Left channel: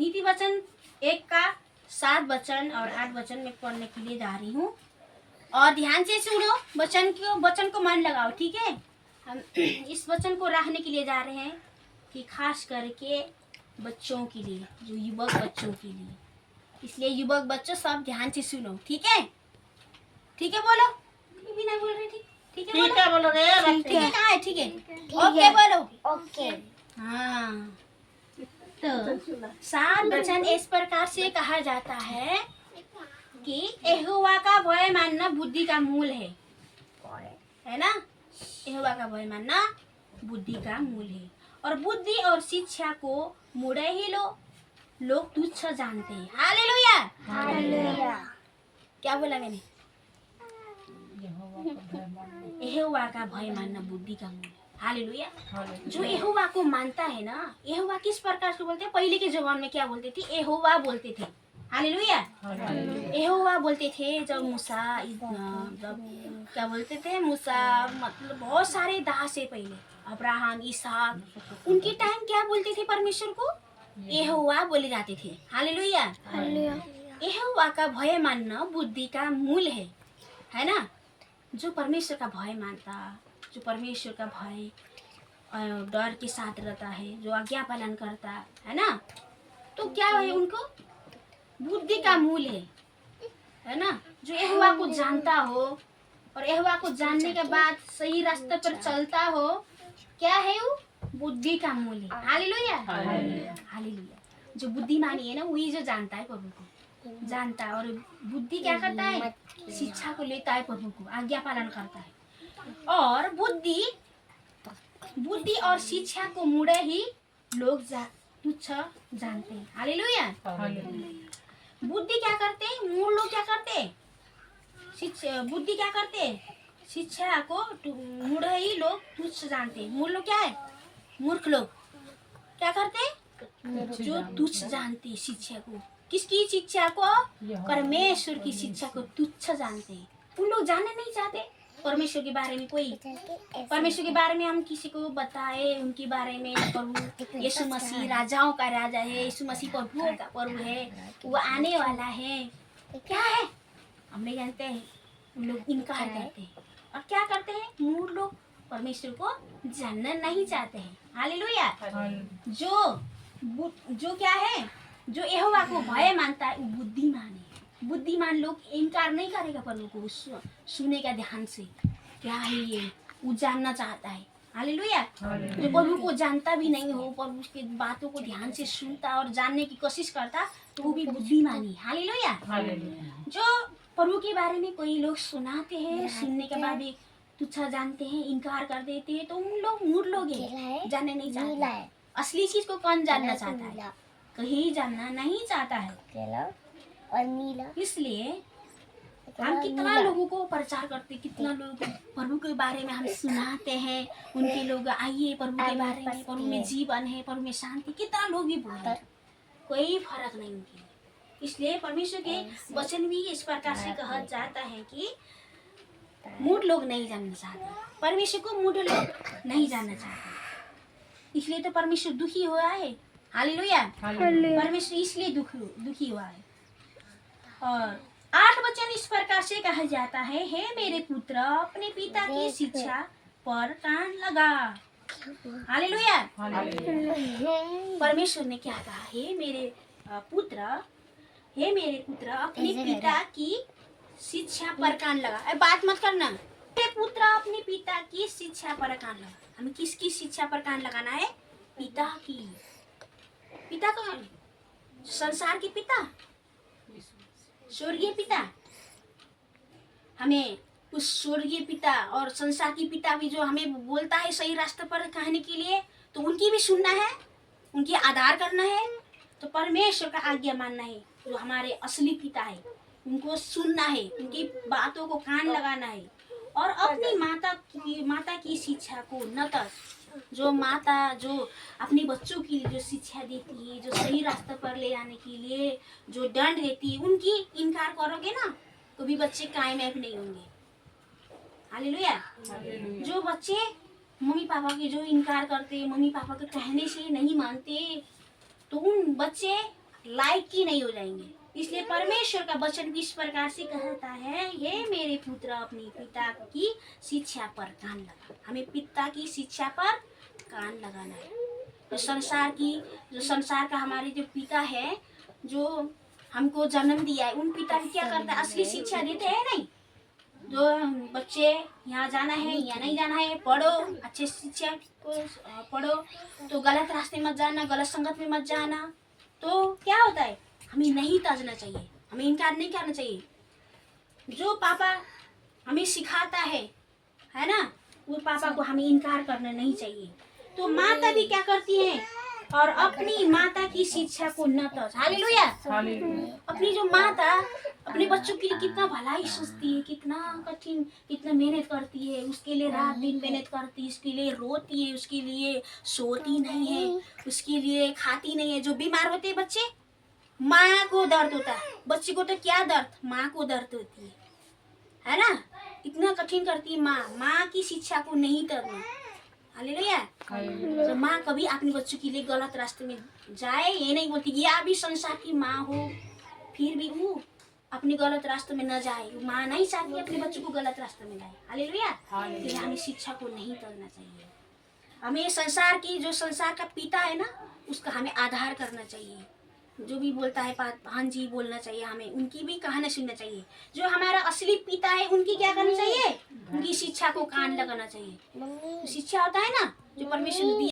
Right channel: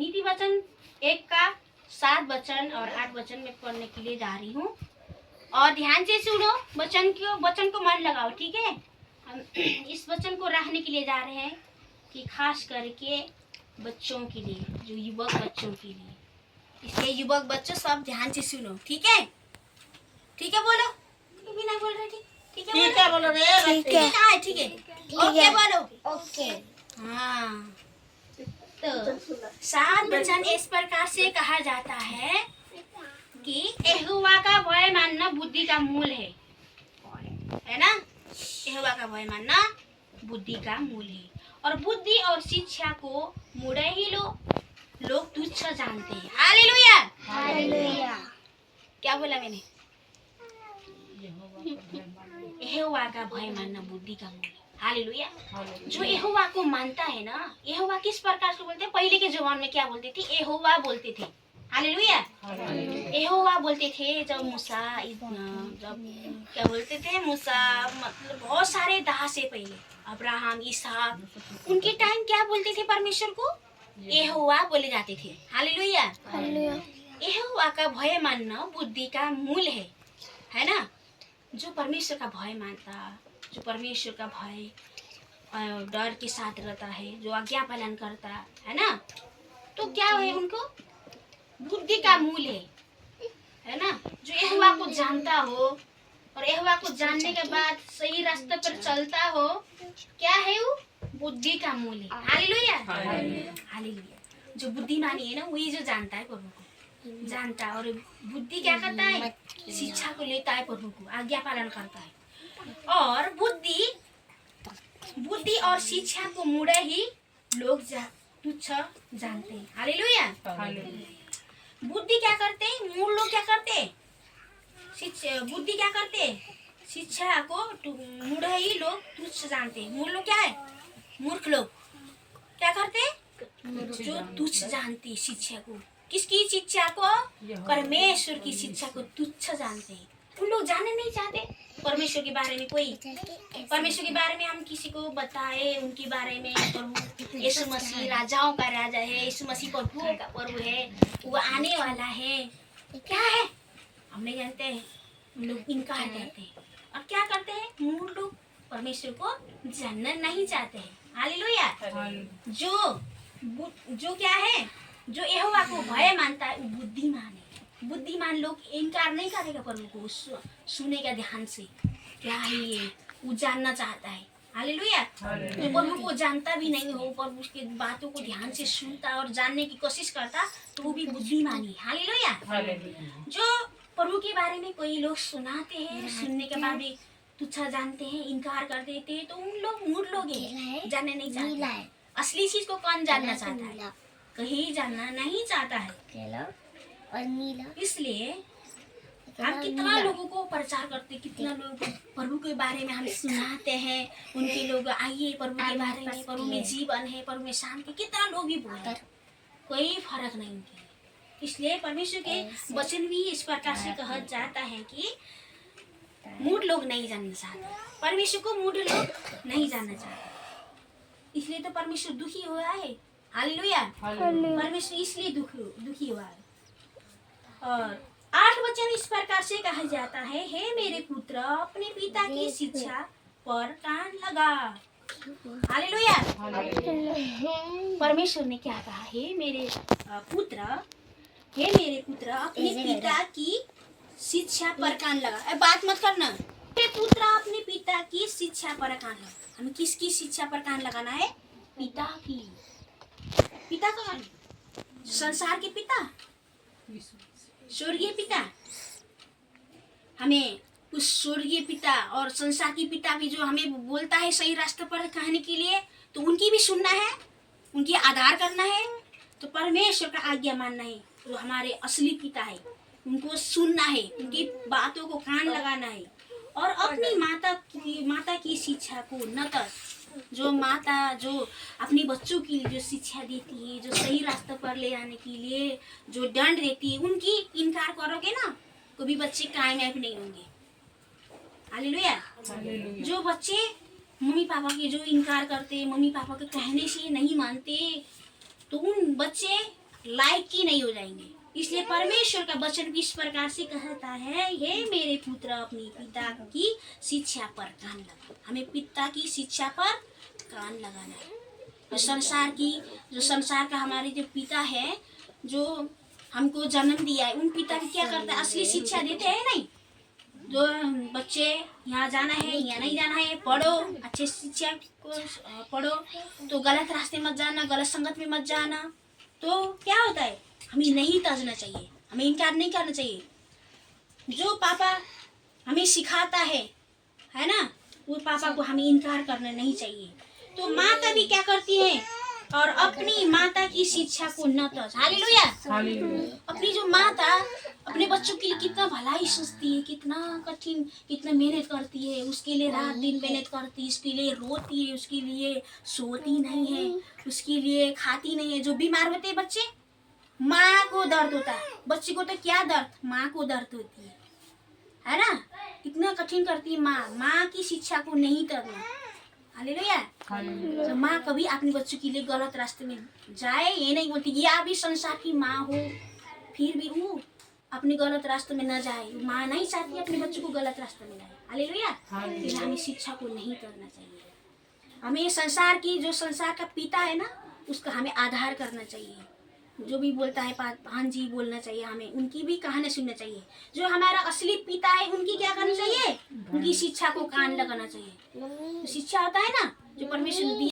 नीति वचन 1 का 7 वचन और 8 वचन में पढ़ने के लिए जा रही हूँ और ध्यान से सुनो, वचन को मन लगाओ, ठीक है। हम इस वचन को रखने के लिए जा रहे हैं कि खास करके बच्चों के लिए, जो युवक बच्चों के लिए, इसलिए युवक बच्चों सब ध्यान से सुनो, ठीक है। ठीक है बोलो, भी नहीं बोल रहे, ठीक है बोलो रे, ठीक है, ठीक है, ओके बोलो, ओके। हाँ, तो 7 वचन इस प्रकार से कहा जाता है कि यहोवा का भय मानना बुद्धि का मूल है ना। यहोवा का भय मानना बुद्धि का मूल है और बुद्धि और शिक्षा को मुड़े ही लोग तुच्छ जानते हैं। Hallelujah, hallelujah. क्या बोला मैंने? यहोवा का भय मानना बुद्धि का मूल है। हालेलुया। जो यहोवा को मानता है ना, यहोवा किस प्रकार से बोलते हैं? पहले के जमाने में क्या बोलते थे? यहोवा बोलते थे। हालेलुया। यहोवा बोलते थे जब मूसा, जब क्या बोलते थे? मूसा मतलब बहुत सारे दास से पहले अब्राहम, इसहाक, उनके टाइम क्या बोलते थे? परमेश्वर को यहोवा बोले जाते थे। Hallelujah, hallelujah. यहोवा का भय मानना बुद्धि का मूल है ना। जो परमेश्वर का भय मानता, जो परमेश्वर का भय डर के साथ रहता है, जो आज्ञा पालन करता है ना, तो क्या है? उनको बुद्धि का मूल है ना। जो यहोवा को जानता हो और यहोवा को जानने के बाद सही रास्ते पर चलता हो, क्या है वो? बुद्धि का मूल है। Hallelujah, hallelujah. जो बुद्धिमानी है ना, वही जो जानता है प्रभु को, जानता है। और बुद्धि क्या करता है? शिक्षा को लेता है, प्रभु को आज्ञा पालन करता है। और बुद्धि और शिक्षा को मुड़े ही लोग तुच्छ जानते हैं। हालेलुया। बुद्धि क्या करते हैं? मूल लोग क्या करते? बुद्धि क्या करते? शिक्षा को मुड़े ही लोग तुच्छ जानते हैं। मूल लोग क्या है? मूर्ख लोग क्या करते? जो तुच्छ जानते शिक्षा को। किसकी शिक्षा को? परमेश्वर की शिक्षा को तुच्छ जानते हैं। उन लोग जानना नहीं चाहते परमेश्वर के बारे में। कोई परमेश्वर के बारे में हम किसी को बताए, उनके बारे में, प्रभु यीशु मसीह राजाओं का राजा है, यीशु मसीह प्रभुओं का प्रभु है, वो आने वाला है, क्या है हम नहीं जानते हैं। उन लोग इनकार करते हैं और क्या करते हैं? मूल लोग परमेश्वर को जानना नहीं चाहते हैं। हालेलुया। जो क्या है? जो यहोवा को भय मानता है वो बुद्धिमान है। बुद्धिमान लोग इनकार नहीं करेगा प्रभु को, सुनेगा ध्यान से, क्या है ये, वो जानना चाहता है। हालेलुया। जो प्रभु को जानता भी नहीं हो, प्रभु के बातों को ध्यान से सुनता और जानने की कोशिश करता, तो वो भी बुद्धिमानी। हालेलुया। जो प्रभु के बारे में कोई लोग सुनाते हैं, सुनने के बाद भी तुच्छ जानते हैं, इनकार कर देते हैं, तो उन लोग मूर्ख लोग हैं, जानने नहीं चाहते। असली चीज को कौन जानना चाहता है? कहीं जानना नहीं चाहता है। इसलिए हम कितना लोगों को प्रचार करते, कितना लोगों को प्रभु के बारे में हम सुनाते हैं, उनके लोग आइए प्रभु के बारे में, प्रभु में जीवन है, प्रभु में शांति, कितना लोग भी बोले, कोई फर्क नहीं उनके। इसलिए परमेश्वर के वचन भी इस प्रकार से कहा जाता है कि मूढ़ लोग नहीं जानना चाहते, परमेश्वर को मूढ़ लोग नहीं जानना चाहते। इसलिए तो परमेश्वर दुखी हुआ है। हालेलुया। परमेश्वर इसलिए दुखी हुआ है। और 8 वचन इस प्रकार से कहा जाता है, हे मेरे पुत्र अपने पिता की शिक्षा पर कान लगा। हालेलुया। परमेश्वर ने क्या कहा? हे मेरे पुत्र अपने पिता की शिक्षा पर कान लगा। बात मत करना। हे पुत्र अपने पिता की शिक्षा पर कान लगा। हमें किसकी शिक्षा पर कान लगाना है? पिता की। पिता तो है संसार के पिता, स्वर्गीय पिता। हमें उस स्वर्गीय पिता और संसार की पिता भी जो हमें बोलता है सही रास्ते पर कहने के लिए, तो उनकी भी सुनना है, उनकी आदर करना है, तो परमेश्वर का आज्ञा मानना है। जो हमारे असली पिता है उनको सुनना है, उनकी बातों को कान लगाना है। और अपनी माता की शिक्षा को न तो जो माता जो अपने बच्चों की जो शिक्षा देती है, जो सही रास्ते पर ले आने के लिए जो दंड देती है, उनकी इनकार करोगे ना, कभी बच्चे कामयाब नहीं होंगे। हालेलुया। जो बच्चे मम्मी पापा के जो इनकार करते, मम्मी पापा के कहने से नहीं मानते, तो उन बच्चे लायक ही नहीं हो जाएंगे। इसलिए परमेश्वर का वचन इस प्रकार से कहता है, हे मेरे पुत्र अपने पिता की शिक्षा पर कान लगा। हमें पिता की शिक्षा पर कान लगाना है। जो संसार का हमारे जो पिता है, जो हमको जन्म दिया है, उन पिता भी क्या करता है, असली शिक्षा देते हैं नहीं। जो बच्चे यहाँ जाना है या नहीं जाना है, पढ़ो, अच्छे शिक्षा को पढ़ो, तो गलत रास्ते मत जाना, गलत संगत में मत जाना। तो क्या होता है, हमें नहीं तजना चाहिए, हमें इनकार नहीं करना चाहिए। जो पापा हमें सिखाता है ना, वो पापा को हमें इनकार करना नहीं चाहिए। तो माता भी क्या करती है, और अपनी माता की शिक्षा को न तज। हालेलुया। अपनी जो माता अपने बच्चों के लिए कितना भलाई सोचती है, कितना कठिन, कितना मेहनत करती है, उसके लिए रात दिन मेहनत करती है, उसके लिए रोती है, उसके लिए सोती नहीं है, उसके लिए खाती नहीं है। जो बीमार होते हैं बच्चे, माँ को दर्द होता है, बच्चे को तो क्या दर्द, माँ को दर्द होती है ना। इतना कठिन करती है माँ की शिक्षा को नहीं तजना। हालेलुया। तो माँ कभी अपने बच्चों के लिए गलत रास्ते में जाए ये नहीं बोलती। या भी संसार की माँ हो, फिर भी वो अपने गलत रास्ते में न जाए। माँ नहीं चाहती अपने बच्चों को गलत रास्ते में जाए। हालेलुया। फिर हमें शिक्षा को नहीं करना चाहिए। हमें संसार का पिता है ना, उसका हमें आधार करना चाहिए। जो भी बोलता है हाँ जी बोलना चाहिए, हमें उनकी भी कहानी सुनना चाहिए। जो हमारा असली पिता है, उनकी क्या करनी चाहिए, उनकी शिक्षा को कान लगाना चाहिए। तो शिक्षा होता है ना, जो परमेश्वर ने दिया।